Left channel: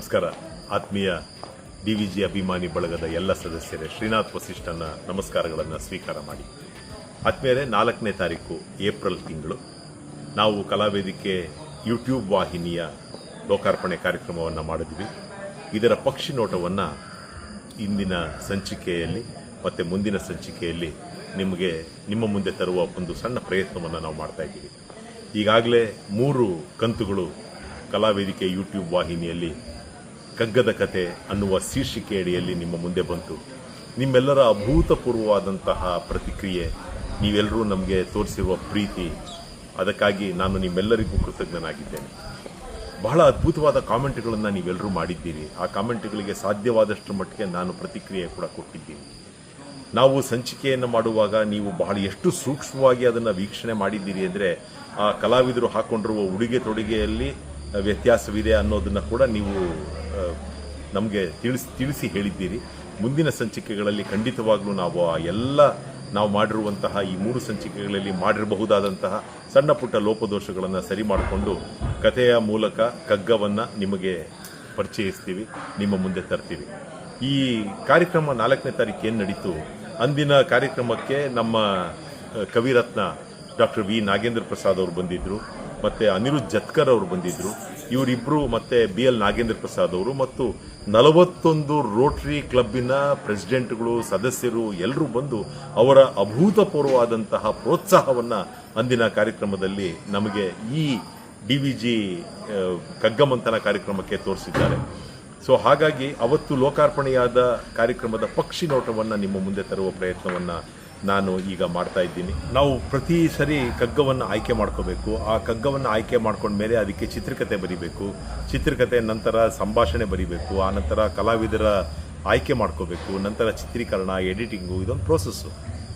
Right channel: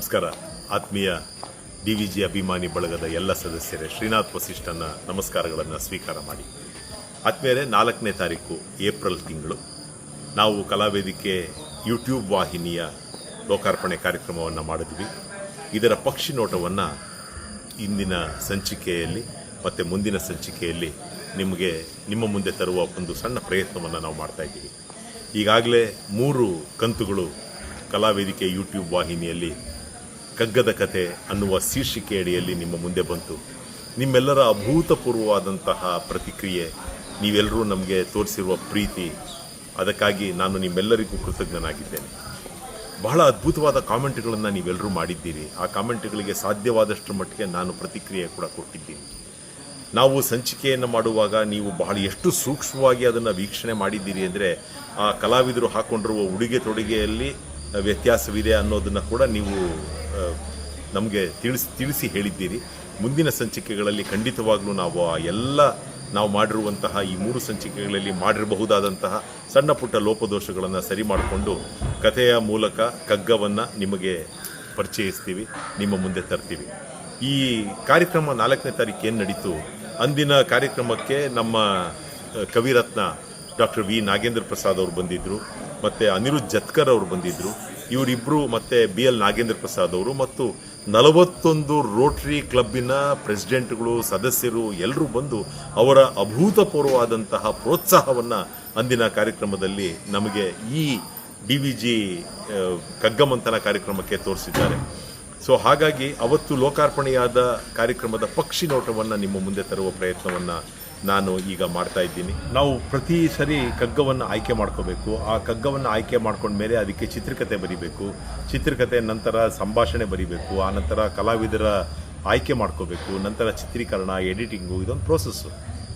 ನಮಸ್ಕಾರ. ಆತ್ಮೀಯ DVG ಅಭಿಮಾನಿ ಬಳಗದ ಎಲ್ಲ ಸದಸ್ಯರೇ, ಶ್ರೀನಾಥ್ ವಸಿಷ್ಠನ ನಮಸ್ಕಾರಗಳನ್ನು ಸ್ವೀಕಾರ ಮಾಡಿ. ಆತ್ಮೀಯರೇ, 4ನೇ ತಾರೀಕು ಏಪ್ರಿಲ್ ತಿಂಗಳು ನಾವು ಕಲಾವೇದಿಕೆ ಯೂಟ್ಯೂಬ್ ವಾಹಿನಿಯ ಲೋಕಾರ್ಪಣೆ ಕಾರ್ಯಕ್ರಮವನ್ನು ಮಾಡಿದ್ವಿ. ಇದರ ಪಕ್ಷಿ ನೋಟವನ್ನು ಇಂದಿನ ಸಂಚಿಕೆಯಲ್ಲಿ ಮತ್ತು ಮುಂದಿನ ಸಂಚಿಕೆಯಲ್ಲಿ ನಿಮ್ಮ ಮುಂದೆ ತರುವ ಒಂದು ಸಣ್ಣ ಪ್ರಯತ್ನವನ್ನು ನಾವು ಮಾಡ್ತಾ ಇದ್ದೀವಿ. ಈಗಾಗಲೇ 3 ಕಂತುಗಳು ಕಲಾವೇದಿಕೆ ಯೂಟ್ಯೂಬ್ ವಾಹಿನಿಯಲ್ಲಿ ಕಗ್ಗದ ಕತೆ ಅನ್ನುವ ಶೀರ್ಷಿಕೆ ಅಡಿಯಲ್ಲಿ ನಿಮ್ಮ ಮುಂದೆ ಬಂತು. ನಿಮ್ಮೆಲ್ಲರ ಅಭೂತಪೂರ್ವವಾದಂತಹ ಪ್ರತಿಕ್ರಿಯೆ, ನೀವೆಲ್ಲರೂ ನಮಗೆ ತೋರಿಸಿರುವ ಪ್ರೀತಿ, ಅದಕ್ಕಾಗಿ ನಾನು ನಿಮ್ಮೆಲ್ಲರಿಗೂ ಕೃತಜ್ಞನಾಗಿದ್ದೇನೆ. ಬಹಳ ಅದ್ಭುತವಾದ ಕಾಮೆಂಟ್ಗಳನ್ನು ನೀವೆಲ್ಲರೂ ಮಾಡಿದ್ದೀರಿ. ಆ ಕಾಮೆಂಟ್ಗಳಿಗೆ ಸಾಧ್ಯವಾದಷ್ಟು ಮಟ್ಟಿಗೆ ನಾನು ಪ್ರತಿಕ್ರಿಯೆ ಕೂಡ ಕೊಟ್ಟಿದ್ದೀನಿ. ನಾವು ಸಂಚಿಕೆಯನ್ನು ಮಾಡುವಾಗ ನೀವು ಬಹಳ ಎಷ್ಟು ಸೂಕ್ಷ್ಮವಾಗಿ ಅದನ್ನು ವೀಕ್ಷಣೆ ಮಾಡಿದ್ದೀರಿ ಅಂದರೆ, ಆ ಕಲಾವಿದರು ಹಾಕ್ಕೊಂಡಿರುವ ಉಡುಗೆ ತೊಡುಗೆಯಲ್ಲಿ ವ್ಯತ್ಯಾಸವಿದೆ ಅನ್ನೋದನ್ನು ಕೂಡ ನೀವು ನಮಗೆ ತಿಳಿಸಿ ಹೇಳಿದ್ದೀರಿ. ಮುಂದಿನ ಸಂಚಿಕೆಗಳಲ್ಲಿ ಖಂಡಿತವಾಗ್ಲೂ ನಾವು ಮಾಡಿರುವಂತಹ ಈ 3 ಸಂಚಿಕೆಗಳಲ್ಲಿ ಮಾಡಿರಬಹುದಾದಂತಹ ಸಣ್ಣ ಪುಟ್ಟ ಲೋಪದೋಷಗಳನ್ನು ಸರಿ ಮಾಡಿಕೊಂಡು ಕಥೆಯ ಮೂಲಕ ಕಗ್ಗವನ್ನು ನಿಮಗೆ ಪರಿಚಯಿಸ್ತೀವಿ, ನಿಮ್ಮ ಮುಂದೆ ತರ್ತೀವಿ. ಈ ಕಾರ್ಯಕ್ರಮ 4ನೇ ತಾರೀಕು ಏನು ನಡೀತು, ಅಂದಿನ ಕಾರ್ಯಕ್ರಮಕ್ಕೆ ನಮ್ಮ ಕವಿರತ್ನ ಡಾಕ್ಟರ್ ವಿ ನಾಗೇಂದ್ರ ಪ್ರಸಾದ್ ಅವರು ಬಂದಿದ್ದರು, ಮತ್ತು ಅನಿರುದ್ಧ್ ಜತ್ಕರ್ ಅವರು ಬಂದಿದ್ದರು. ಇವರಿಬ್ಬರು ಮತ್ತು BL ನಾಗೇಂದ್ರ ಪ್ರಸಾದ್ ಅವರು ಮತ್ತು 41 ರೋಟರಿ ಕ್ಲಬ್ಬಿನ ಪ್ರೆಸಿಡೆಂಟ್ಗಳು, ಸದಸ್ಯರು ಎಲ್ಲರೂ ಬಂದು ಅವರ ಅಭೂತಪೂರ್ವವಾದಂತಹ ಪ್ರೋತ್ಸಾಹವನ್ನು ಅಂದಿನ ಕಾರ್ಯಕ್ರಮದಲ್ಲಿ ನಮಗೆ ಈ DVG ಕಗ್ಗಮಂಥನ ಕಾರ್ಯಕ್ರಮಕ್ಕೆ ತೋರಿಸಿದ್ದಾರೆ. ಸೊ ಹಾಗಾಗಿ ಅವತ್ತು ಲೋಕಾರ್ಪಣೆಯಾದ ಕಾರ್ಯಕ್ರಮದ ಪಕ್ಷಿ ನೋಟವನ್ನು ನಿಮ್ಮ ಮುಂದೆ ತರುವ ಪ್ರಯತ್ನವನ್ನು ನಾನು ಈಗ ಮಾಡ್ತಾ ಇದ್ದೀನಿ. ನಾವು ಪ್ರತಿ ಸರಿ ಕಗ್ಗವನ್ನು ಆಯ್ಕೆ ಮಾಡ್ಕೋಬೇಕು. ಆ ಕಗ್ಗವನ್ನು ಆಯ್ಕೆ ಮಾಡ್ಕೊಂಡ್ಮೇಲೆ ಅದಕ್ಕೆ ಚಿತ್ರಕಥೆ ಬರೀಬೇಕು. ಚಿತ್ರಕಥೆ ನಂತರ ಸಂಭಾಷಣೆ ಬರೀಬೇಕು. ಆ ನಂತರ ಕಲಾವಿದರ ಆಯ್ಕೆ ಮಾಡ್ಕೋಬೇಕು. ನಂತರ ಚಿತ್ರೀಕರಣ, ಎಡಿಟಿಂಗು, ಇದೊಂದು ಪ್ರೋಸೆಸ್ಸು.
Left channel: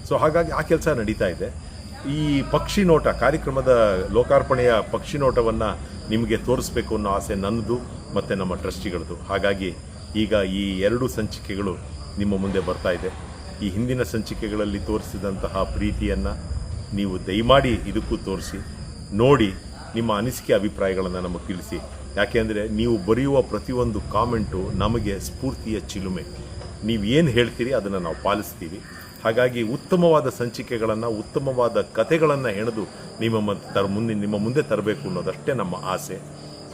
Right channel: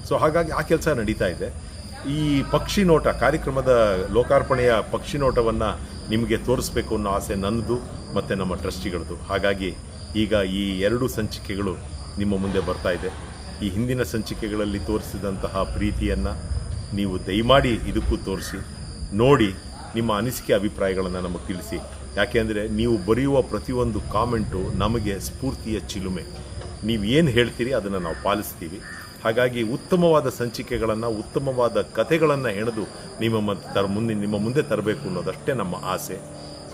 ಸೊ ಹಾಗಾಗಿ ಆ ಕೆಲಸ ನಡೀತಾ ಇದೆ. ಈ ಪಕ್ಷಿ ನೋಟ ಕಾರ್ಯಕ್ರಮದ ಲೋಕಾರ್ಪಣೆಯ ಪಕ್ಷಿ ನೋಟವನ್ನು ನಿಮಗೆ ತೋರಿಸ್ಬೇಕು ಅನ್ನೋ ಆಸೆ ನನ್ನದು ಮತ್ತು ನಮ್ಮ ಟ್ರಸ್ಟಿಗಳದು. ಹಾಗಾಗಿ ಈಗ ಈ 2 ಸಂಚಿಕೆಗಳು ನಿಮ್ಮ ಮುಂದೆ ಬರ್ತಾ ಇದೆ. ಈ ಹಿಂದಿನ ಸಂಚಿಕೆಗಳಲ್ಲಿ ತೋರಿಸಿದಂತಹ ಪ್ರೀತಿಯನ್ನು ನೀವು ದಯಮಾಡಿ ಇದಕ್ಕೂ ತೋರಿಸಿ, ನೋಡಿ, ನಿಮ್ಮ ಅನಿಸಿಕೆ ಅಭಿಪ್ರಾಯಗಳನ್ನು ನಮಗೆ ತಿಳಿಸಿ. ಯಾಕೆಂದರೆ ನೀವು ಬರೆಯುವ ಪ್ರತಿಯೊಂದು ಕಾಮೆಂಟು ನಮಗೆ ಸ್ಫೂರ್ತಿಯ ಚಿಲುಮೆ. ನೀವು ಏನು ಹೇಳ್ತೀರಿ ಅದನ್ನು ನಾವು ಪಾಲಿಸ್ತೀವಿ. ಹಾಗಾಗಿ ಉತ್ತಮವಾದ ಸಂಚಿಕೆಗಳನ್ನು, ಉತ್ತಮವಾದ ಕಥೆಗಳನ್ನು ಹೆಣೆದು ನಿಮ್ಮ ಮುಂದೆ ತರಬೇಕು ಅನ್ನೋದಷ್ಟೇ ನಮ್ಮ ಆಸೆ.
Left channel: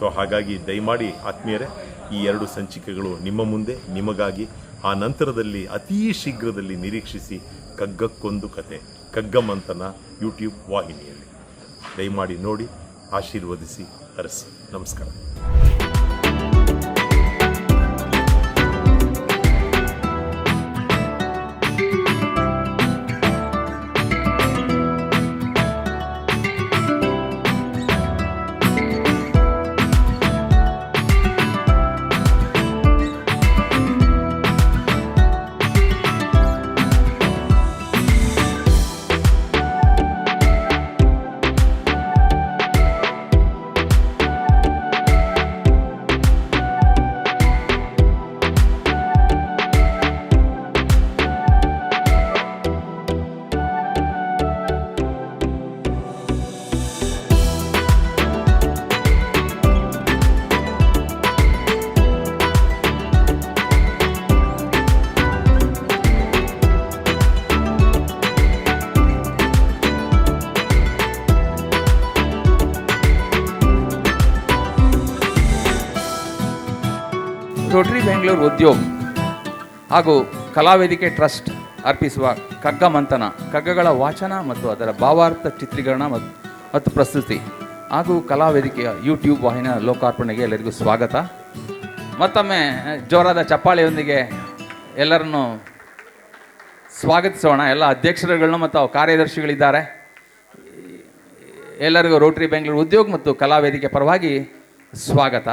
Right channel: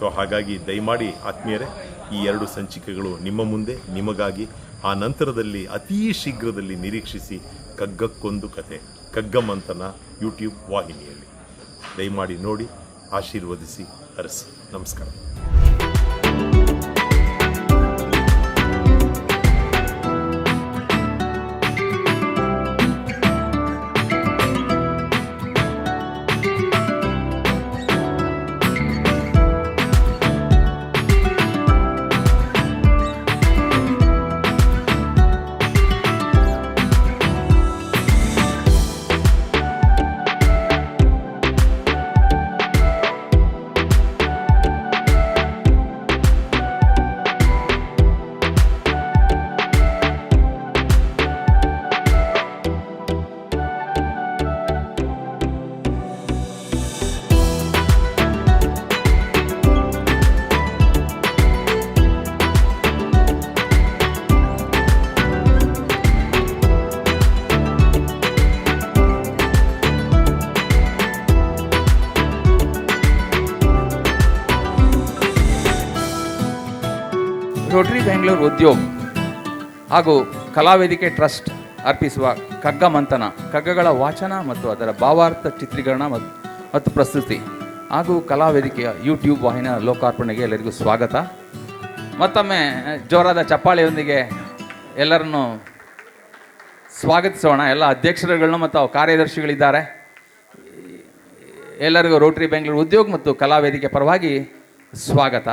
ಸೊ ಹಾಗಾಗಿ ದಯಮಾಡಿ ಆತ್ಮೀಯರೇ, ಈ 2 ಸಂಚಿಕೆಗಳು ನಿಮ್ಮ ಮುಂದೆ, ನಿಮಗಾಗಿ. ಆ ನಂತರದಲ್ಲಿ ಅತೀ ಶೀಘ್ರದಲ್ಲಿ ನಿರೀಕ್ಷಿಸಿ ಕಗ್ಗಕ್ಕೊಂದು ಕತೆ, ಕಗ್ಗಮಂಥನ ಯೂಟ್ಯೂಬ್ ವಾಹಿನಿಯಲ್ಲಿ. ದಯಮಾಡಿ ನೋಡಿ, ಆಶೀರ್ವದಿಸಿ, ಹರಸಿ. ನಮಸ್ಕಾರ. ರೋಟರಿ ಬೆಂಗಳೂರು ಉದ್ಯೋಗ ಹಾಗೂ ಕಲಾವೇದಿಕೆ ಟ್ರಸ್ಟ್ ಅರ್ಪಿಸುವ ಕಗ್ಗಮಂಥನ, ಕಗ್ಗಗಳ ವಾಚನ ಮತ್ತು ಅದರ ಭಾವಾರ್ಥ ಚಿತ್ರೀಕರಣ ಮತ್ತು ಪ್ರಸ್ತುತಿ ಹಾಗೂ ಕಲಾವೇದಿಕೆಯ ಯೂಟ್ಯೂಬ್ ವಾಹಿನಿಯ ಲೋಕಾರ್ಪಣೆಗೆ ಎಲ್ಲರಿಗೂ ಸ್ವಾಗತ. ಮತ್ತೊಮ್ಮೆ ಜೋರಾದ ಚಪ್ಪಾಳೆಯೊಂದಿಗೆ ಎಲ್ಲರನ್ನು ಸ್ವಾಗತಿಸೋಣ. ಎಲ್ಲ ಅಧ್ಯಕ್ಷರುಗಳನ್ನು ಮತ್ತು ಕಾರ್ಯದರ್ಶಿಗಳಿದ್ದಾರೆ. ಎಲ್ಲರಿಗೂ ರೋಟರಿ ಬೆಂಗಳೂರು ಉದ್ಯೋಗ ಮತ್ತು ಕಲಾವೇದಿಕೆ ಪರವಾಗಿ ಸ್ವಾಗತ.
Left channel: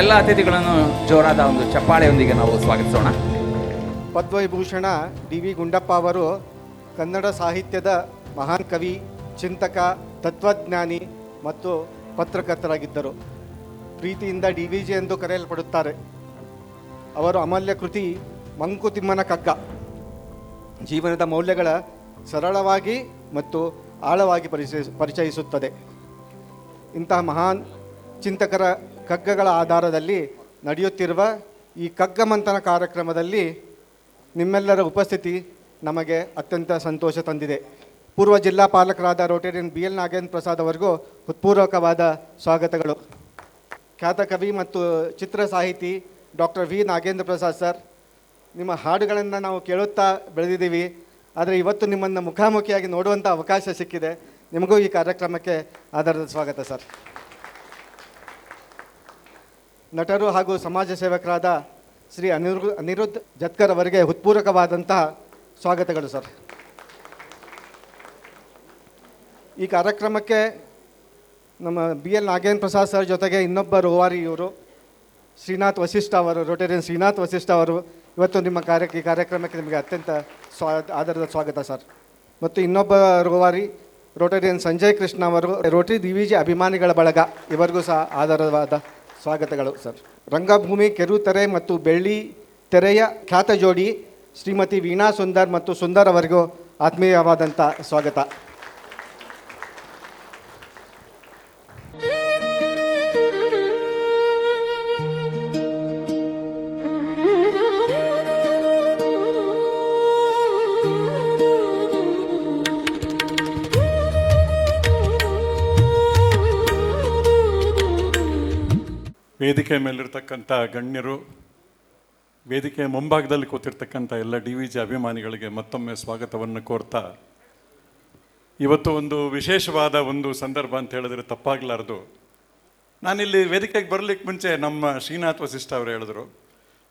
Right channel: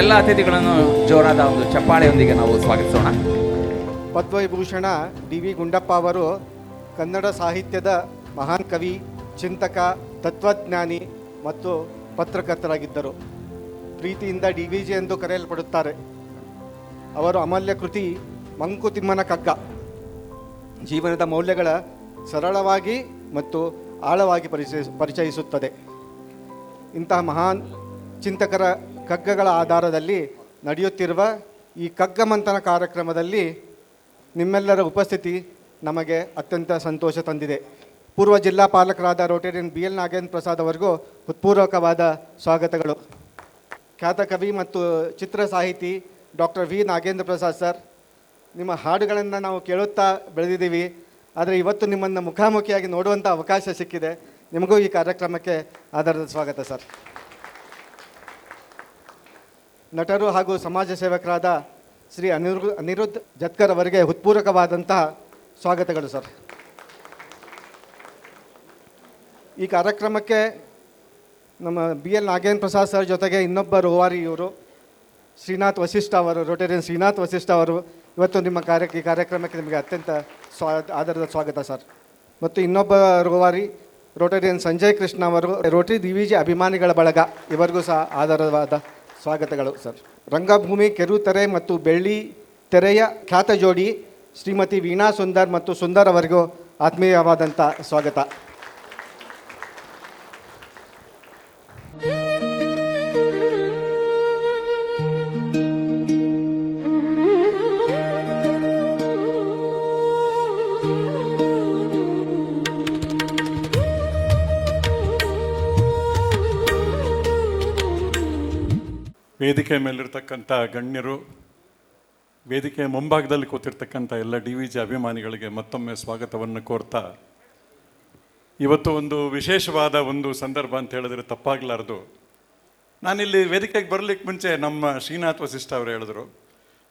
ಎಲ್ಲ ಅತಿಥಿಗಳನ್ನು ಜೋರಾದ ಒಂದು ಚಪ್ಪಾಳೆಯೊಂದಿಗೆ ನಾವು ಸ್ವಾಗತಿಸೋಣ. ಪದ್ಮವಿಭೂಷಣ DV ಗುಂಡಪ್ಪ ಅವರು ಕನ್ನಡ ಸಾಹಿತ್ಯದ ಮಹಾನ್ ಕವಿ, ಚಿಂತಕ, ತತ್ವಜ್ಞಾನಿ ಮತ್ತು ಪತ್ರಕರ್ತರಾಗಿದ್ದರು. ಪ್ರೀತಿಯಿಂದ DVG ಎಂದು ಕರೆಯಲ್ಪಡುತ್ತಾರೆ. ಅವರು ಅಮೂಲ್ಯ ಕೃತಿ ಮಂಕುತಿಮ್ಮನ ಕಗ್ಗ ಜೀವನದ ಮೌಲ್ಯಗಳ ಸರಳವಾಗಿ ಮತ್ತು ಆಳವಾಗಿ ಪರಿಚಯಿಸುತ್ತದೆ. ಇಂತಹ ಮಹಾನ್ ಚಿಂತಕರ ಕಗ್ಗಗಳ ಆಧಾರದಲ್ಲಿ ನಡೆಯುತ್ತಿರುವ ಈ ಕಗ್ಗಮಂಥನ ಕಾರ್ಯಕ್ರಮದಲ್ಲಿ ನಿಮ್ಮೆಲ್ಲರ ಉಪಸ್ಥಿತಿ ನಮಗೆ ಅತ್ಯಂತ ಸಂತೋಷ ತಂದಿದೆ. ಪೂರ್ವ ಜಿಲ್ಲಾ ಪಾಲಕರಾದ ರೋಟೇರಿಯನ್ BL ನಾಗೇಂದ್ರ ಪ್ರಸಾದ್ ಅವರಿಗೂ ಹೃತ್ಪೂರ್ವಕವಾದ ಸ್ವಾಗತಗಳು. ಖ್ಯಾತ ಕವಿ ಮತ್ತು ಚಿತ್ರ ಸಾಹಿತಿ doctor V Nagendra Prasad sir, ನಿಮ್ಮ ಹಾಡುಗಳನ್ನು ನಾವು ಕೇಳುತ್ತಾ ಬೆಳೆದಿದ್ದೀವಿ. ಆದರೆ ಇವತ್ತು ನಿಮ್ಮನ್ನು ಮುಖಾಮುಖಿಯಾಗಿ ನೋಡುವಂಥ ಅವಕಾಶ ಸಿಕ್ಕಿದೆ. ನಿಮಗೂ ಈ ಕಾರ್ಯಕ್ರಮಕ್ಕೆ ಆಧಾರದ ಸ್ವಾಗತ ಸರ್. ನಟರು ಹಾಗೂ ಸಮಾಜ ಸೇವಕರಾದ ಶ್ರೀ ಅನಿರುದ್ಧ್ ಜತ್ಕರ್ ಅವರಿಗೆ ಹೃತ್ಪೂರ್ವಕವಾದಂತಹ ಸ್ವಾಗತಗಳು ಸರ್. ಈ ಕಾರ್ಯಕ್ರಮಕ್ಕೆ ನಮ್ಮ BL ನಾಗೇಂದ್ರ ಪ್ರಸಾದ್ ಸರ್ ಜೊತೆಗೆ ಇನ್ನೊಬ್ಬ ರೂವಾರಿ ಇವರು ಶ್ರೀನಾಥ್ ವಸಿಷ್ಠ ಅವರು, ರೋಟೇರಿಯನ್ ಶ್ರೀನಾಥ್ ವಸಿಷ್ಠ ಅವರು ಇವತ್ತು ನಿಮ್ಮ ಈ ಕಾರ್ಯಕ್ರಮಕ್ಕೆ ನಿಮಗೆ ಅತ್ಯಂತ ಆಧಾರದ ಸ್ವಾಗತ ಸರ್. ಮತ್ತು ಇನ್ನೊಬ್ಬ ರೂವಾರಿ ರೋಟೇರಿಯನ್ ಸಂಜಯ್ ಕೃಷ್ಣ ಅವರು, ರೋಟರಿ DVG ಅಭಿಮಾನಿಗಳ ಬಳಗ, ಇವರಿಗೂ ಸಹ ಆಧಾರವಾದ ಸ್ವಾಗತಗಳು ಸರ್. ರಂಗಭೂಮಿ ಕಿರುತೆರೆ ಮತ್ತು ಬೆಳ್ಳಿ ತೆರೆಯ ಖ್ಯಾತ ಜೋಡಿ ಶ್ರೀಮತಿ ವೀಣಾ ಸುಂದರ್ ಮತ್ತು ಸುಂದರ್ ಅವರಿಗೂ ಆತ್ಮೀಯವಾದಂಥ ಸ್ವಾಗತ. ವೇದಿಕೆ ಮೇಲಿರ್ತಕ್ಕಂಥ ಗಣ್ಯರು, ವೇದಿಕೆಯ ಮುಂಭಾಗದಲ್ಲಿ ಕೂತಿರ್ತಕ್ಕಂಥ ಎಲ್ಲ DVG ಅಭಿಮಾನಿಗಳಿಗೆ ಮತ್ತೊಮ್ಮೆ ಸ್ವಾಗತವನ್ನು ಕೋರ್ತಾ, ಇವತ್ತು ಒಂದು ವಿಶೇಷವಾದ ಒಂದು ಸಂದರ್ಭ ಅಂತ ಹೇಳಿದ್ರೆ ತಪ್ಪಾಗಲಾರದು. ನಾನಿಲ್ಲಿ ವೇದಿಕೆಗೆ ಬರಲಿಕ್ಕೆ ಮುಂಚೆ ನಮ್ಮ ಶ್ರೀನಾಥ್ ವಸಿಷ್ಠ ಅವರು ಹೇಳಿದ್ರು,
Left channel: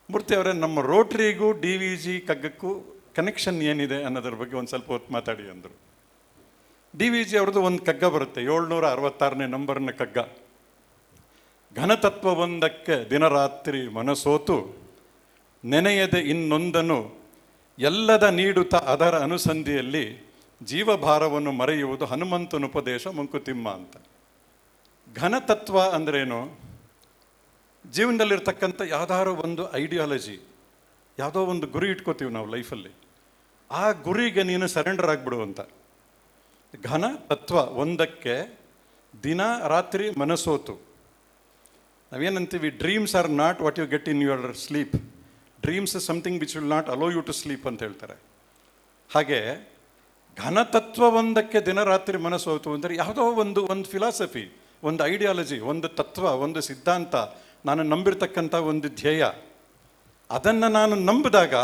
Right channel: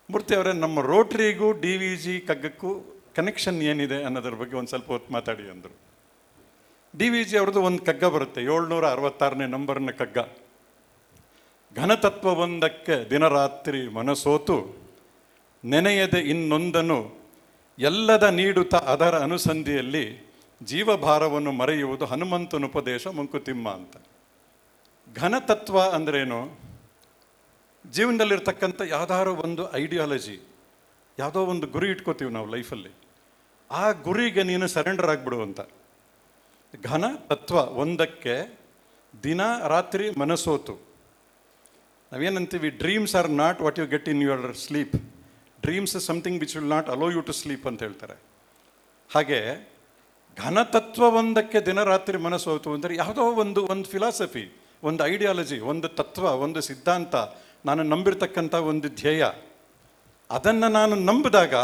ಮೂರ್ತಿ ಅವರೇ, ನಮ್ಮ ರೋಟ್ರಿಗೂ DVG ಕಗ್ಗಕ್ಕೂ ಕನೆಕ್ಷನ್ ಏನಿದೆ ಅನ್ನೋದ್ರ ಬಗ್ಗೆ ಒಂದು ಸ್ವಲ್ಪ ಹೊತ್ತು ಮಾತಾಡಿ ಅಂದರು. DVG ಅವ್ರದ್ದು ಒಂದು ಕಗ್ಗ ಬರುತ್ತೆ, 766ನೇ ನಂಬರ್ನ ಕಗ್ಗ. ಘನತತ್ವವೊಂದಕ್ಕೆ ದಿನರಾತ್ರಿ ಮನಸೋತು ನೆನೆಯದೆ ಇನ್ನೊಂದನು ಎಲ್ಲದ ನೀಡುತ್ತ ಅದರ ಅನುಸಂಧಿಯಲ್ಲಿ ಜೀವಭಾರವನ್ನು ಮರೆಯುವುದು ಹನುಮಂತನ ಉಪದೇಶ ಮಂಕುತಿಮ್ಮ ಅಂತ. ಘನತತ್ವ ಅಂದ್ರೇನು? ಜೀವನದಲ್ಲಿರ್ತಕ್ಕಂಥ ಯಾವುದಾದ್ರೂ ಒಂದು ಐಡಿಯಾಲಜಿ, ಯಾವುದೋ ಒಂದು ಗುರಿ ಇಟ್ಕೋತೀವಿ ನಾವು ಲೈಫಲ್ಲಿ, ಆ ಗುರಿಗೆ ನೀನು ಸರೆಂಡರ್ ಆಗಿಬಿಡು ಅಂತ. ಘನ ತತ್ವ ಒಂದಕ್ಕೆ ದಿನ ರಾತ್ರಿ ಮನಸೋತು. ನಾವೇನಂತೀವಿ, dreams are not what you get in your sleep, dreams is something which will not allow you to sleep ಅಂತ ಹೇಳ್ತಾರೆ. ಹಾಗೆ ಘನತತ್ವ ಒಂದಕ್ಕೆ ದಿನ ರಾತ್ರಿ ಮನಸ್ಸೋತು ಅಂದರೆ ಯಾವುದೋ ಒಂದು ಫಿಲಾಸಫಿ, ಒಂದು ಐಡಿಯಾಲಜಿ, ಒಂದು ತತ್ವ, ಒಂದು ಸಿದ್ಧಾಂತ, ನಾನು ನಂಬಿರ್ತಕ್ಕಂಥ ಒಂದು ಧ್ಯೇಯ, ಅದನ್ನು ನಾನು ನಂಬಿದಾಗ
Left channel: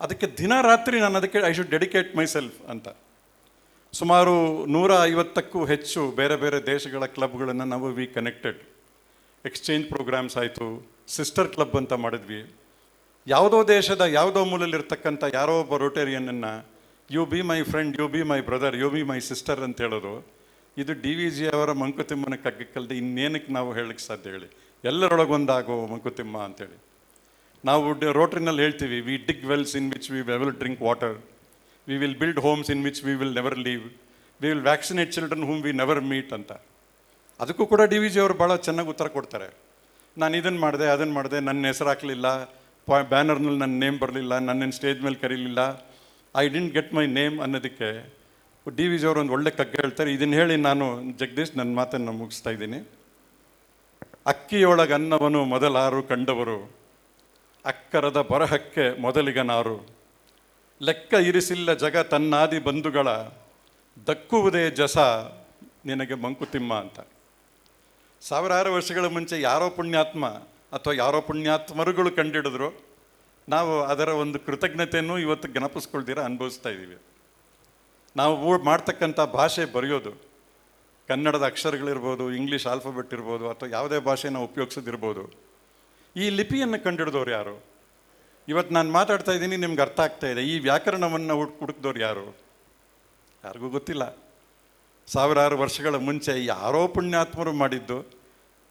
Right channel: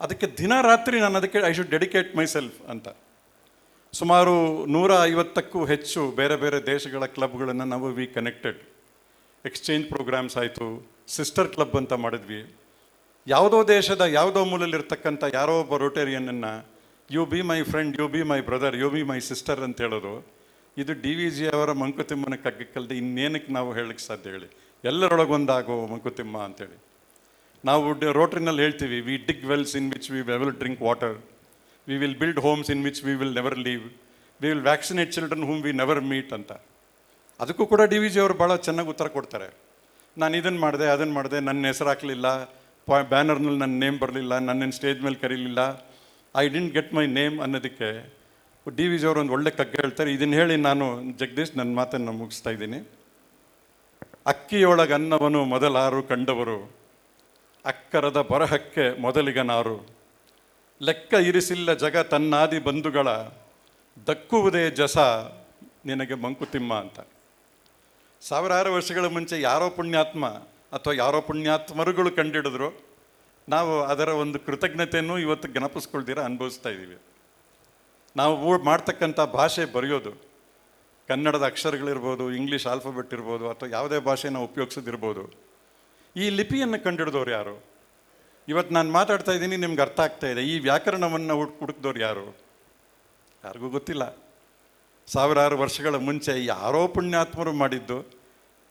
ಅದಕ್ಕೆ ದಿನ ರಾತ್ರಿ ನಾನು ಅದಕ್ಕೆ I should dedicate my self ಅಂತ. ಸುಮಾರು 150ಕ್ಕೂ ಹೆಚ್ಚು ಬೇರೆ ಬೇರೆ ದೇಶಗಳ ಕ್ಲಬ್ಗಳನ್ನು ನಾವು ವಿ ಕನೆಕ್ಟೆಡ್. ಎಕ್ಸ್ಚೇಂಜ್ ಪ್ರೋಗ್ರಾಮ್ಸ್ ಆಯಿತು, ಸಿಸ್ಟರ್ ಕ್ಲಬ್ ಅಂತ ಮಾಡಿದ್ವಿ. ಯಾವುದೋ ದೇಶದ ಯಾವುದೋ ಮೂಲಲ್ಲಿರ್ತಕ್ಕಂಥ ಯಾರೋ ಒಬ್ಬ ರೋಟೇರಿಯನನ್ನು you be my friend, you be my brother, you be my sister ಅಂತ ಹೇಳೋದು, ಇದು DVG ಅವರ ಮಂಕುತಿಮ್ಮನ ಕಗ್ಗಕ್ಕಲ್ಲದೆ ಇನ್ನೇನಕ್ಕೆ ನಾವು ಹೇಳಕ್ಕೆ ಸಾಧ್ಯ ಹೇಳಿ? ಎಲ್ಲರೊಳಗೊಂದಾಗೋ ಮಂಕುತಿಮ್ಮ ಅಂತೇಳಿ ನಾವು ರೋಟ್ರಿನಲ್ಲಿ ಹೇಳ್ತೀವಿ, we dig wells in which we will drink water, we will build homes in which we will never leave, we will vaccinate children whom we never meet ಅಂತ. ಅದಕ್ಕೂ ಕೂಡ DVG ಅವರು ಭಾಳ ಚೆನ್ನಾಗಿ ಉತ್ತರ ಕೊಡ್ತಾರೆ. ನಾನು ಇದನ್ನು ಮಾಡಿದೆ, ಅದನ್ನು ಮಾಡಿದೆ, ನನ್ನ ಹೆಸರು ಹಾಕಲಿಲ್ಲ, ಬ್ಯಾನರ್ನಲ್ಲಿ ನನ್ನ ನೇಮ್ ಬರಲಿಲ್ಲ, ನನ್ನೇನು ಸ್ಟೇಜ್ ಮೇಲೆ ಕರೀಲಿಲ್ಲ, I didn't get my name ಅನ್ನೋದಕ್ಕೆ DVG ಅವರು ಒಂದು ಒಳ್ಳೆ ಕಗ್ಗ ಹೇಳ್ತಾರೆ. ಇದನ್ನು ಹೇಳಿ ನಾನು ಜಗದೀಶ್ ನನ್ನ ಮಾತನ್ನು ಮುಗಿಸ್ತಾ ಇದ್ದೀನಿ. ಅಕ್ಕಿಯೊಳಗೆ ಅನ್ನವನ್ನು ಮೊದಲಾರು ಕಂಡವರು, ಅಕ್ಕರದ ಬರಹಕ್ಕೆ ಮೊದಲಿಗನಾರು, ಲೆಕ್ಕ ಇರಿಸಿಲ್ಲ ಜಗ ತನ್ನಾದಿ ಬಂಧುಗಳ, ದಕ್ಕುವುದೇ ಜಸ ನಿನಗೆ ಮಂಕುತಿಮ್ಮ ಅಂತ. ಸಾವಿರಾರು ವರ್ಷಗಳ ಮುಂಚೆ ಯಾರೋ ಪುಣ್ಯಾತ್ಮ ಅಥವಾ ಯಾರೋ ಪುಣ್ಯಾತ್ಮರುಗಳು ಕಂಡಿಡಿದ್ರು, ನಾವು ಅದರ ಒಂದು ಕೃತಜ್ಞತೆಯನ್ನು ಇವತ್ತು ಜ್ಞಾಪಿಸ್ಕೊಳ್ದಿರ ಅನುಭವಿಸ್ತಾ ಇದ್ದೀವಿ. ನಾವು ಮಾಡ್ತಕ್ಕಂಥ ಭಾಷೆ ಬರೆಯೋದು, ಕನ್ನಡದ ಅಕ್ಷರಗಳಿರ್ಬೋದು, ಇಂಗ್ಲೀಷ್ ಆಲ್ಫಾಬೆಟ್ ಇರ್ಬೋದು, ಅಥವಾ ಯಾವುದೇ ಭಾಷೆ ನಾವು ಉಪಯೋಗಿಸೋದಿರ್ಬೋದು, ಈ ಲಿಪಿಯನ್ನು ಕಂಡಿಡಿದವ್ರು ಯಾರು? ಇವತ್ತು ನಾನು ಮಾತಾಡ್ತಾ ಇದ್ದೀನಿ, ನಿಮ್ಗೆ ಅರ್ಥ ಆಗ್ತಾ ಇದೆ. ಈ ವ್ಯಾಕರಣವನ್ನು ಹುಡುಕಿದವ್ರು ಯಾರು? ಯಾರಿಗೂ ಗೊತ್ತಿಲ್ಲ. ಸಾವಿರಾರು ವರ್ಷಗಳ ಮುಂಚೆ ಯಾರೋ ಪುಣ್ಯಾತ್ಮರು ಮಾಡಿದ್ದು,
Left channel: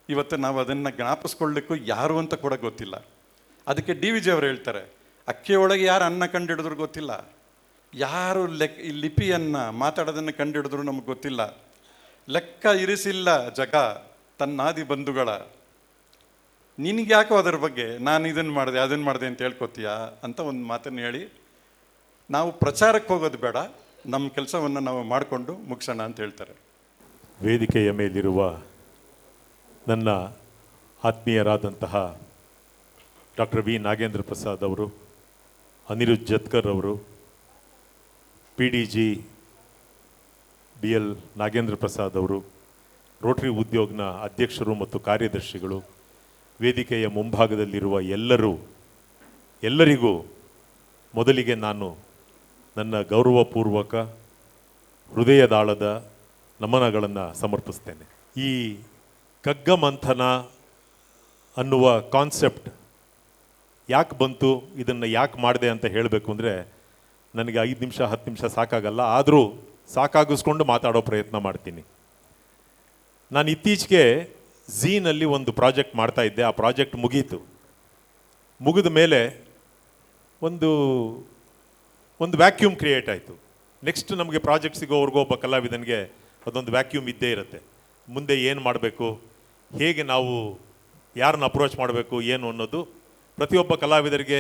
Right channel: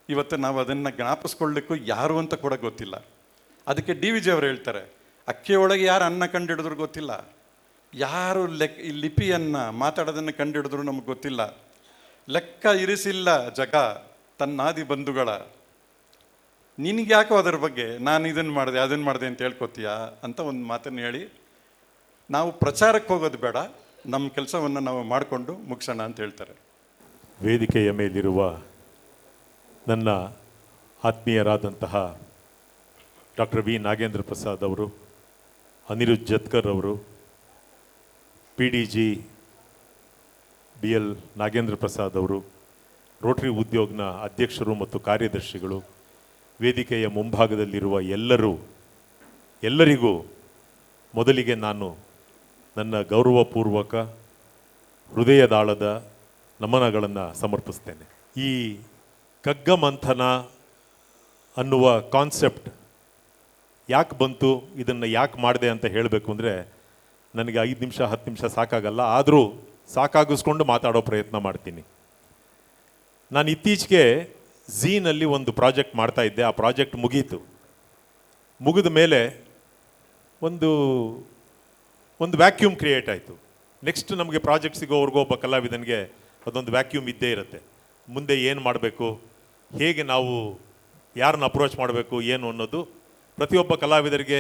ಇವತ್ತು ನಾವು ಅದನ್ನು ಜ್ಞಾಪಿಸ್ಕೊಳ್ಳಿಕ್ಕೂ ಯಾರು ಅಂತ ಕೂಡ ಗೊತ್ತಿಲ್ಲ. ಅದಕ್ಕೆ DVG ಅವರು ಹೇಳ್ತಾರೆ, ಅಕ್ಕಿಯೊಳಗೆ ಯಾರು ಅನ್ನ ಕಂಡಿಡಿದ್ರು ಗೊತ್ತಿಲ್ಲ, ಯಾರು ಈ ಲಿಪಿಯನ್ನು ಮಾತಾಡೋದನ್ನು ಕಂಡಿಡಿದ್ರು ನಮಗೆ ಗೊತ್ತಿಲ್ಲ, ಲೆಕ್ಕ ಇರಿಸಿಲ್ಲ ಜಗ ತನ್ನಾದಿ ಬಂಧುಗಳ. ನಿನಗೆ ಯಾಕೋ ಅದರ ಬಗ್ಗೆ ನಾನು ಇದನ್ನು ಮಾಡಿದೆ ಅದನ್ನು ಮಾಡಿದೆ ಅಂತ ಹೇಳ್ಕೊತೀಯಾ ಅಂತ ಒಂದು ಮಾತನ್ನು ಹೇಳಿ ನಾವು ಪ್ರಚಾರಕ್ಕೆ ಹೋಗೋದು ಬೇಡ, ನಮ್ಮ ಕೆಲಸವನ್ನು ನಾವು ಮಾಡಿಕೊಂಡು ಮುಗಿಸೋಣ ಅಂತ ಹೇಳ್ತಾರೆ. ವೇದಿಕೆಯ ಮೇಲಿರುವ ನನ್ನ ಆತ್ಮೀಯರಾದಂತಹ ಡಾಕ್ಟರ್ ವಿ ನಾಗೇಂದ್ರ ಪ್ರಸಾದ್ ಅವರು, ಅನಿರುದ್ಧ್ ಜತ್ಕರ್ ಅವರು, PDG BL ನಾಗೇಂದ್ರ ಪ್ರಸಾದ್ ಅವರು, ರೋಟರಿ ಉದ್ಯೋಗ್ನ ಅಧ್ಯಕ್ಷರು ಮತ್ತು ಕಾರ್ಯದರ್ಶಿಗಳು, ವೇದಿಕೆಯ ಮುಂಭಾಗದಲ್ಲಿರುವ ಎಲ್ಲರಿಗೂ ಮೊದಲಿಗೆ ನಾನು ನನ್ನ ಗೌರವಪೂರ್ವಕ ಹೃದಯದಾಳದ ನಮನಗಳನ್ನು ಸಮರ್ಪಿಸ್ತೇನೆ. ಈ ಕಗ್ಗ ಮಂಥನ ಅನ್ನುವ ಕಾನ್ಸೆಪ್ಟ್ ಯಾಕೆ ಬಂತು, ಇದನ್ನು ಯಾಕೆ ಮಾಡಿದೆ ಅಂತ ಹೇಳಬೇಕು ಅಂದರೆ ನನಗೆ 5 ನಿಮಿಷ 10 ನಿಮಿಷ ಸಾಕಾಗಲ್ಲ. ಆದರೂ ಸಾಕಾಗಿಸ್ಕೊಂಡು ಮಾತಾಡೋ ಪ್ರಯತ್ನ ಮಾಡ್ತೀನಿ. ನಾನು ಇತ್ತೀಚೆಗೆ ಝೀನಲ್ಲಿ ಒಂದು ಪ್ರಾಜೆಕ್ಟ್ ಮಾಡ್ತಾ ಇದ್ದೆ. ಆ ಪ್ರಾಜೆಕ್ಟ್ ಮುಗೀತು. ಮುಗಿದ ಮೇಲೆ ಒಂದು ವ್ಯಾಕ್ಯೂಮ್ ಕ್ರಿಯೇಟ್ ಆಯಿತು. ನೆಕ್ಸ್ಟ್ ನಮಗೆ ಪ್ರಾಜೆಕ್ಟ್ ಸಿಗೋವರೆಗೂ ಒಬ್ಬ ಕಲಾವಿದನಿಗೆ ಅದೊಂದು ವ್ಯಾಕ್ಯೂಮ್ ಇದ್ದೇ ಇರುತ್ತೆ. ಮುಂದೆ ಏನು ಮಾಡಬೇಕು, ಹೇಗೆ ನಾವು ಯಾರನ್ನ ಅಪ್ರೋಚ್ ಮಾಡಬೇಕು, ಏನು ಅನ್ನೋದು ಪ್ರತಿಯೊಬ್ಬ ಕಲಾವಿದರಿಗೆ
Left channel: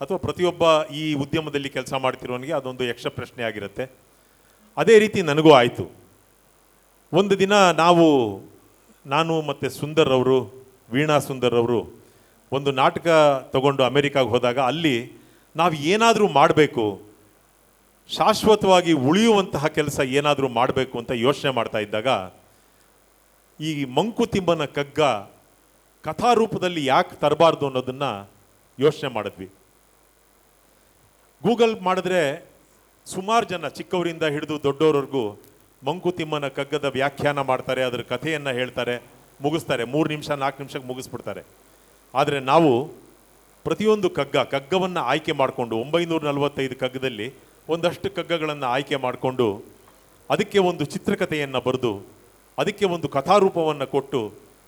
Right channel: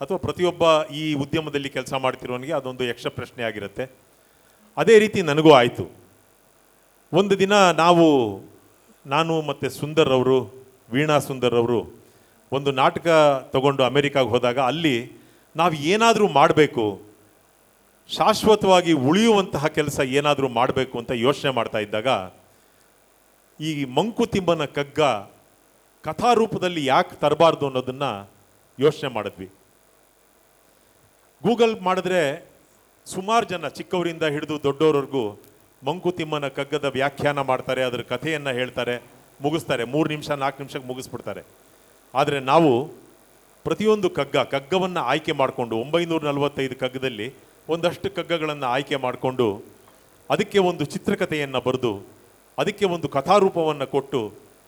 ಅಥವಾ ಪ್ರತಿಯೊಬ್ಬ ಈ ಉದ್ಯಮದಲ್ಲಿ ಕೆಲಸ ಮಾಡ್ತಿರೋನಿಗೆ ಅದೊಂದು ಯಕ್ಷ ಪ್ರಶ್ನೆ ಆಗಿರುತ್ತೆ. ಅದೇ ರೀತಿ ನನಗೂ ಆಯಿತು. ಒಂದು ದಿನ ನಾನು ಮತ್ತು ಸುಂದರ್ ಅವರು, ವೀಣಾ ಸುಂದರ್ ಅವರು ಒಂದು ನಾಟಕ ತಗೊಂಡು ಅಮೆರಿಕಾಗೆ ಹೋದಾಗ ಅಲ್ಲಿ ನಾವು ಏನಾದರೂ ಮಾಡಬೇಕು, ಶಾಶ್ವತವಾಗಿ ಉಳಿಯುವಂತಹ ಕೆಲಸ ಏನಾದರೂ ಮಾಡಬೇಕು ಅಂತ ಯೋಚನೆ ಮಾಡ್ತಾ ಇದ್ದಾಗ ಈ ಮಂಕುತಿಮ್ಮನ ಕಗ್ಗ ಕಥಾರೂಪದಲ್ಲಿ ಯಾಕೆ ತರಬಾರ್ದು ಅನ್ನೋದನ್ನು ಯೋಚನೆ ಮಾಡಿದ್ವಿ. ಗೂಗಲ್ ಮಾಡಿದ್ರೆ ಸುಮಾರು ಜನ ಚಿಕ್ಕವರಿಂದ ಹಿಡಿದು ದೊಡ್ಡವರವರೆಗೂ ಮಂಕುತಿಮ್ಮನ ಕಗ್ಗದ ವ್ಯಾಖ್ಯಾನ ಮಾಡ್ತಾರೆ, ಅದರ ಕಥೆಯನ್ನು ಹೇಳ್ತಾರೆ, ಮುಗಿಸ್ತಾರೆ. 3 ನಿಮಿಷ 4 ನಿಮಿಷಕ್ಕೆ ಮುಗಿಸ್ಬಿಡ್ತಾರೆ. ಆದರೆ ನಾವು ಪ್ರತಿಯೊಂದು ಕಗ್ಗವನ್ನು ಆಯ್ಕೆ ಮಾಡಿಕೊಂಡು 945 ಕಗ್ಗದಲ್ಲಿ ಒಂದಷ್ಟು ಕಗ್ಗಗಳನ್ನು ಆಯ್ಕೆ ಮಾಡಿಕೊಂಡು ಅದಕ್ಕೆ ಒಂದು ಚಿತ್ರಕಥೆಯನ್ನು ಬರೆದು ಅದಕ್ಕೆ ಒಂದು ಕಥಾರೂಪವನ್ನು ಕೊಟ್ಟು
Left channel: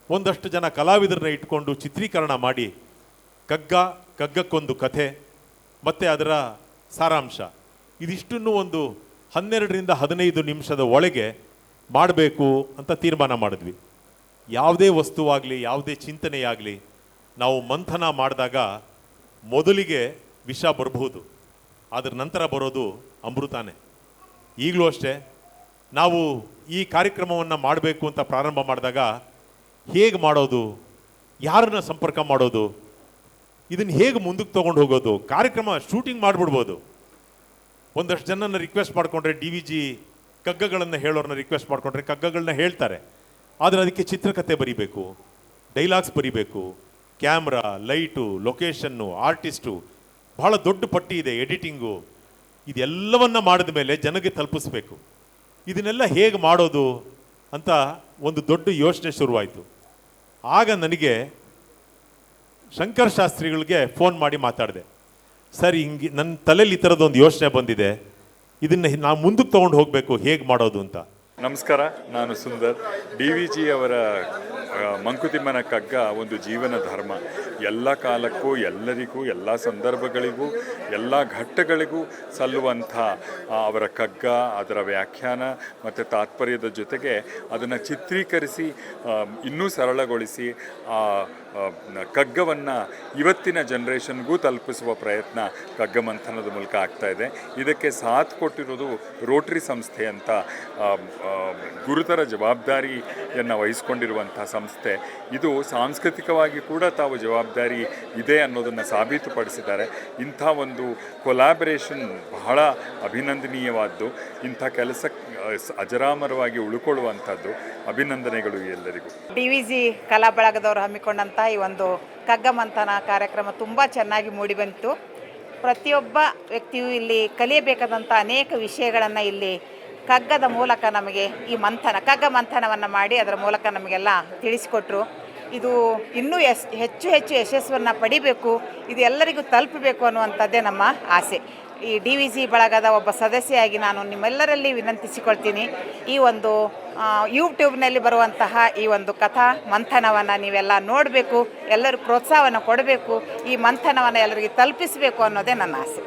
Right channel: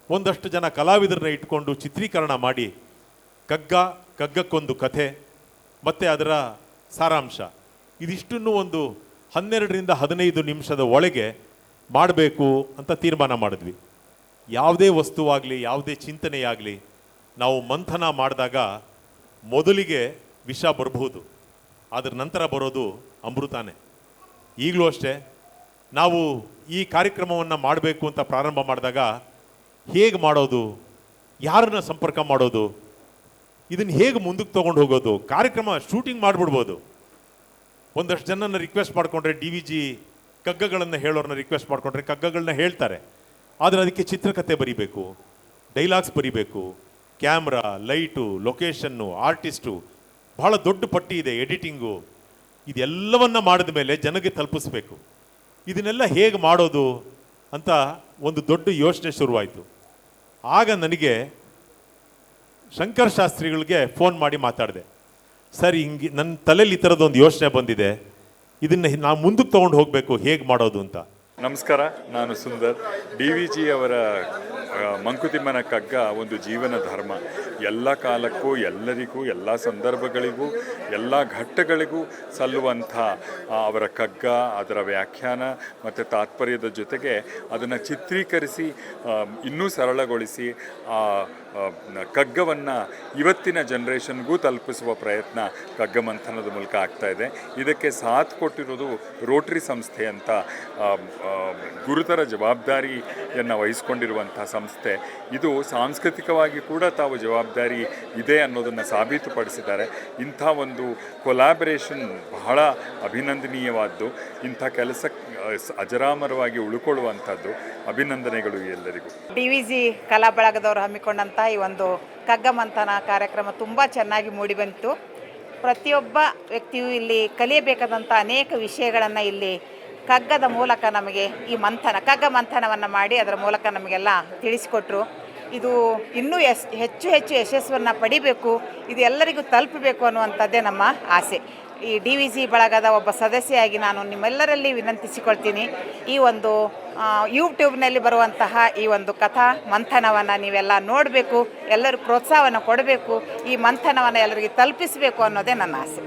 ಒಂದಷ್ಟು ಜನ ಕಲಾವಿದರನ್ನ ಇಟ್ಕೊಂಡು ಚಿತ್ರೀಕರಣ ಮಾಡಿ ಕಗ್ಗಕ್ಕೊಂದು ಕಥೆ ಮತ್ತು ಅದರ ಸಾರಾಂಶ ಇದಿಷ್ಟನ್ನು ಒಂದು 12ರಿಂದ 15 ನಿಮಿಷದ ಒಳಗೆ ಮಾಡಬೇಕು ಅಂತ ತೀರ್ಮಾನ ಮಾಡಿದ್ವಿ. ಯಾವುದೇ ವಸ್ತುವಾಗಲಿ, ಯಾವುದೇ ಚಿಂತನೆಯಾಗಲಿ ನಾವು ಮಂಥನ ಮಾಡಿದಾಗ ಮೊದಲಿಗೆ ವಿಷ ಬರಬಹುದು, ಅದರ ನಂತರ ಬರೋದು ಅಮೃತಾನೇ. ಈಗಲೂ ಅಷ್ಟೇ, ನಾವು ಈ ಕಾರ್ಯಕ್ರಮವನ್ನು ಮಾಡಬೇಕು ಅಂತ ಪ್ರಾರಂಭ ಮಾಡಿದಾಗ ಹೇಗೆ ಮಾಡೋದು, ಯಾರನ್ನ ಸಂಪರ್ಕ ಮಾಡೋದು, ಇದನ್ನು ಹೇಗೆ ಮುಂದಕ್ಕೆ ತೊಗೊಂಡು ಹೋಗೋದು, ಕಾರ್ಯಕ್ರಮ ಶೂಟಿಂಗ್ ಮಾಡಿಬಿಡ್ಬೋದು. ಒಂದಷ್ಟು ಜನನ ರಿಕ್ವೆಸ್ಟ್ ಮಾಡಿಕೊಂಡ್ರೆ DVG ಕಗ್ಗಗಳನ್ನು ಹೇಳೋರನ್ನ ರಿಕ್ವೆಸ್ಟ್ ಮಾಡಿಕೊಂಡ್ರೆ ಕಗ್ಗಗಳನ್ನ ಹೇಳ್ತಾರೆ. ಆದರೆ ಅದಕ್ಕೆ ಚಿತ್ರಕಥೆ ಬರೀಬೇಕು, ಡೈಲಾಗ್ಸ್ ಬರೀಬೇಕು, ಕ್ಯಾಮ್ರಾ, ಲೈಟು, ಲೊಕೇಶನ್ನು, ಆರ್ಟಿಸ್ಟು, ಬಹಳ ದೊಡ್ಡ ಪಟ್ಟಿ ಇದೆ, ಎಡಿಟಿಂಗು. ಇದೆಲ್ಲವನ್ನ ಮಾಡಿದ ಮೇಲೆ ಜನಕ್ಕೆ ತಲುಪಿಸ್ಬೇಕು. ಇದನ್ನೆಲ್ಲ ಹೇಗೆ ಮಾಡೋದು ಅಂತ ಒಂದು ದೊಡ್ಡ ಯೋಚನೆ ಶುರುವಾಯಿತು. ಆಗ ನನಗೆ ಶಂಕರ್ ಶಾಸ್ತ್ರಿಗಳಿಗೆ ಫೋನ್ ಮಾಡಿ ಮಾತಾಡಿದೆ. ಸರ್, ಹಿಂಗೆ ನನ್ನ ತಲೆಯಲ್ಲಿ ಈ ಥರದೊಂದು ಯೋಚನೆ ಬಂದಿದೆ, ಇದನ್ನು ನಾವು ಮುಂದಕ್ಕೆ ತೊಗೊಂಡು ಹೋಗಬೇಕು, ಹೇಗೆ ಮಾಡೋದು ಅಂತ. ನಮಸ್ಕಾರ, ನಾನು ಸುಂದರ್. DVG ಅವರ ಮಂಕುತಿಮ್ಮನ ಕಗ್ಗ ಒಂದು ಜೀವನ ಧರ್ಮ. ಎಲ್ಲ ಕಾಲಕ್ಕೂ, ಎಲ್ಲರಿಗೂ, ಎಲ್ಲ ಸಂದರ್ಭಗಳಿಗೂ, ಎಲ್ಲ ಘಟ್ಟಗಳಿಗೂ ಸಲ್ಲುವಂಥ ಅವರ ಕಗ್ಗ, ಅದರ ವ್ಯಾಖ್ಯಾನ ಮತ್ತು ತಾತ್ಪರ್ಯದ ಜೊತೆಗೆ ಅದನ್ನು ಚಿತ್ರೀಕರಿಸಿ ಇನ್ನೂ ಸರಳಗೊಳಿಸಿ ಆ ಕಗ್ಗವನ್ನು ಇವತ್ತಿನ ಜನ್ರೇಷನ್ಗೂ ತಲುಪಿಸುವ ಪ್ರಯತ್ನ ಕಗ್ಗ ಮಂಥನದ ಮೂಲಕ ಆಗ್ತಾ ಇದೆ. ಇದಕ್ಕೆ ಸಾಥ್ ಕೊಟ್ಟಿರೋದು ರೋಟರಿ ಸಂಸ್ಥೆ ಅಂತ ಗುರುತರ ಜವಾಬ್ದಾರಿಯನ್ನು ವಹಿಸ್ಕೊಂಡಿರುವಂಥ ಸಂಸ್ಥೆ. ಇದು ಸಾಂಸ್ಕೃತಿಕವಾಗಿ ಕೂಡ ತಾವು ಜವಾಬ್ದಾರಿ ಇದೆ ಅನ್ನೋದನ್ನು ಸಾಬೀತುಪಡಿಸಿದ್ದಾರೆ. ಇಂಥ ಒಂದು ಕೊಲಾಬರೇಷನ್ ಬಹಳ ಅಭಿನಂದನೀಯವಾದ್ದು. ಇಂಥ ಕೆಲಸ ಅಜರಾಮರವಾಗಿ ಉಳ್ಕೊಳ್ಳುವಂಥದ್ದು. ಅಭಿನಂದನೆಗಳು ಎಲ್ಲರಿಗೂ. DVG ಕಲಾ ಬಳಗದವರು ಹಮ್ಮಿಕೊಂಡಂಥ ಈ ಒಂದು ಕಗ್ಗ ಮಂಥನ ಕಾರ್ಯಕ್ರಮ ತುಂಬ ಚೆನ್ನಾಗಿ ಮೂಡಿಬಂತು. ಪ್ರತಿಯೊಬ್ಬ ವ್ಯಕ್ತಿಯು ಇಲ್ಲಿ ಕಲಿಯಬೇಕಾದಂಥ ಅನೇಕ ವಿಷಯಗಳನ್ನು ಇಲ್ಲಿ ಕಗ್ಗದ ಮೂಲಕ ನಮಗೆ ಈ ಕಗ್ಗ ಮಂಥನವನ್ನು ಮಾಡಿ ಅದರ ಮೂಲಕ ನಮಗೆಲ್ಲ ತಿಳಿಸಿಕೊಟ್ರು. ಇದು ಇನ್ನೂ ಹೆಚ್ಚು ಯಶಸ್ಸನ್ನು ಪಡಿಬೇಕು, ಇದು ಎಲ್ಲರಿಗೂ ತಲುಪಬೇಕು ಅನ್ನುವಂಥದ್ದೇ ನಮ್ಮ ಆಸೆ. ಈ DVG ಬಳಗದ ಒಬ್ಬ ಸದಸ್ಯೆಯಾಗಿ ನಾನು ನಿಮ್ಮೆಲ್ಲರಲ್ಲಿ ವಿನಂತಿಸಿಕೊಳ್ತೀನಿ, ಈ ಒಂದು ಯೂಟ್ಯೂಬ್ನಲ್ಲಿ ಬರುವಂತಹ ಈ ಒಂದು ಕಥಾ ಮಂಥನವನ್ನು ನೀವೆಲ್ಲ ನೋಡಬೇಕು, ಎಲ್ಲರೂ ಪ್ರೋತ್ಸಾಹವನ್ನು ಕೊಡಬೇಕು, ಈ ಮಂಥನವನ್ನು ಎಲ್ಲರಿಗೆ ತಲುಪಿಸಬೇಕು ಅನ್ನೋದೇ ನನ್ನ ಆಸೆ.